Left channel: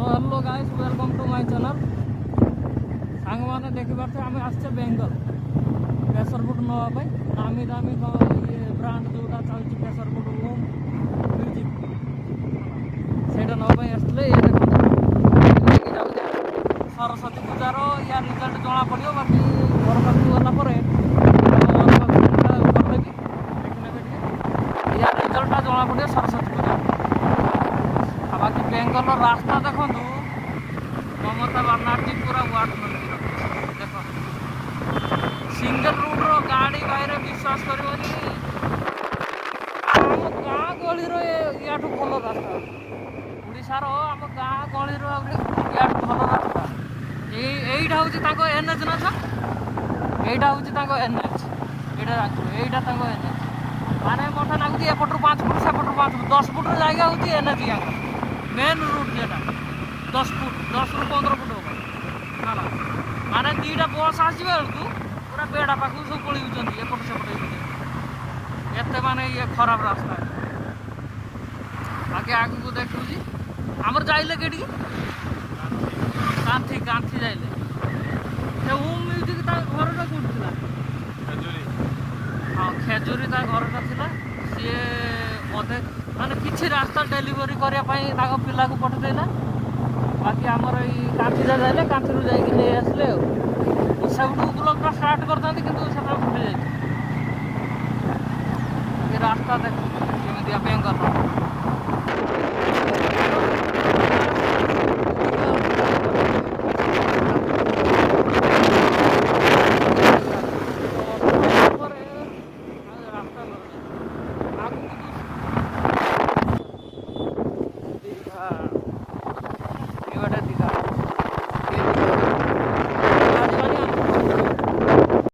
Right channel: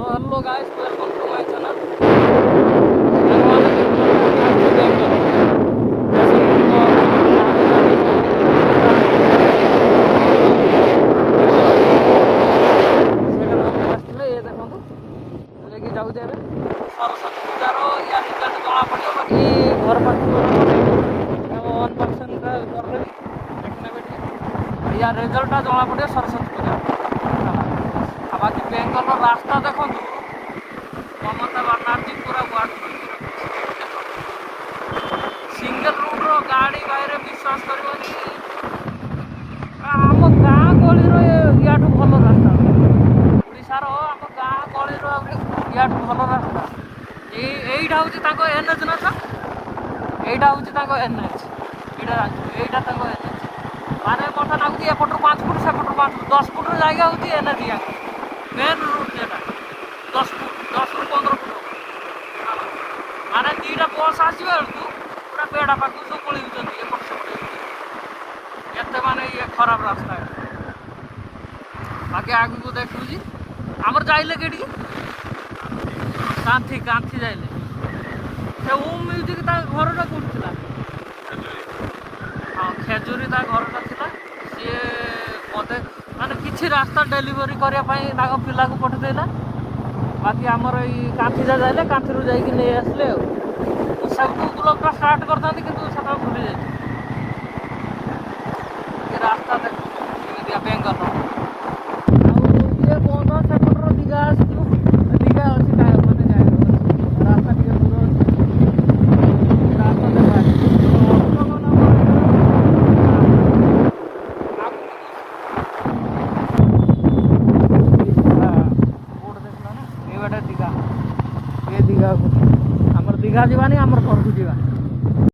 So hello guys, welcome to my channel. Saraswati ପୂଜାର ୟା result ଜଣା ପଡ଼ିବ। ବାକି ଘର ପାଖକୁ ଗଲା ପରେ କରିଦେବି ଦେଖିନେବେ ଟିକେ ୟା ରିଜଲ୍ଟଟା ଜଣା ପଡ଼ିବ ସରସ୍ୱତୀ ପୂଜା। ଆଉ ବାକି ବେଙ୍ଗଲର ରାସ୍ତା ଦେଖନ୍ତୁ, ମମତା ବାନାର୍ଜୀ ପୁରା ୱାର୍ଡ ସିଙ୍ଗଲ ରୁଟ୍ର ଗାଡ଼ି ବାଇରେ ବିଶ୍ୱାସ କରିବନି। ଆମ ଗାଁ ଗହଳିର ୟାଠୁ ଭଲ ରାସ୍ତା, ଓଡ଼ିଶାର ଆମ ଗାଁ ଗହଳିର ଆହୁରି ୟାଠୁ ଭଲ ରାସ୍ତା। এইটা হচ্ছে তাଙ୍କ এনএচ না স্যার, এইটা হচ্ছে তাଙ୍କ এনএচ, এইটা তাଙ୍କ এনএচ। মানে মতো লাগুଛି এপটରୁ 5 ফুট সেপটରୁ 5 ফুট 10 ফুটର জায়গা হচ্ছে এনএচ। ইয়াଙ୍କର মেন রুট যেটা 10 ফুট 10ରୁ 15 ফুট হବ ନା। ମାନେ ଦୁଇଟା ବସ୍ ଆସିବା ବେଳକୁ ପୁରା ବେଡ଼ା ପାଖକୁ ସବୁ ପଳେଇଛନ୍ତି ଏପଟ ସେପଟ ହେଇକି। ଏତେ ମାନେ ଇଏ ଖରାପ ରାସ୍ତା। ବାକି ଆଗକୁ ଦେଖୁଛି ଆମର ଯାଇଲେ କେଠିକି କାନ୍ଥି କାନ୍ଥି ଯାଇଲେ ସେ ଓମ୍ ମ୍ୟୁଜିକ୍ ତା ଘରଟା କୋଉଠି ଥିଲା? ହଁ ଖେଜୁରୀ ତା ଘରଟା ଥିଲା। ସିଏ ବୋଧେ ମାନେ କିଛି ରାସ୍ତା ଡେଲିଭରି କରିବା ପାଇଁ ତାଙ୍କ ପିଲାକୁ ପଠେଇଦେଲା। ବାକି ଆମର ଏଇ କାନ୍ଥିଟା ଯାଇଲେ, କାନ୍ଥିରୁ ଯାଇକି ନେଇ ଆସିଲେ। ଆଉ ସବୁଠୁ ବ୍ଲଗ୍ଟା ଷ୍ଟାର୍ଟ କରିଥାନ୍ତି କିନ୍ତୁ ସେଟା ଭୁଲି ଯାଇଛି। ଏ ରାସ୍ତା ଦେଖନ୍ତୁ କେମିତିଆ ବେଙ୍ଗଲ। ଦୀଘା ଯିବାନି ଆମର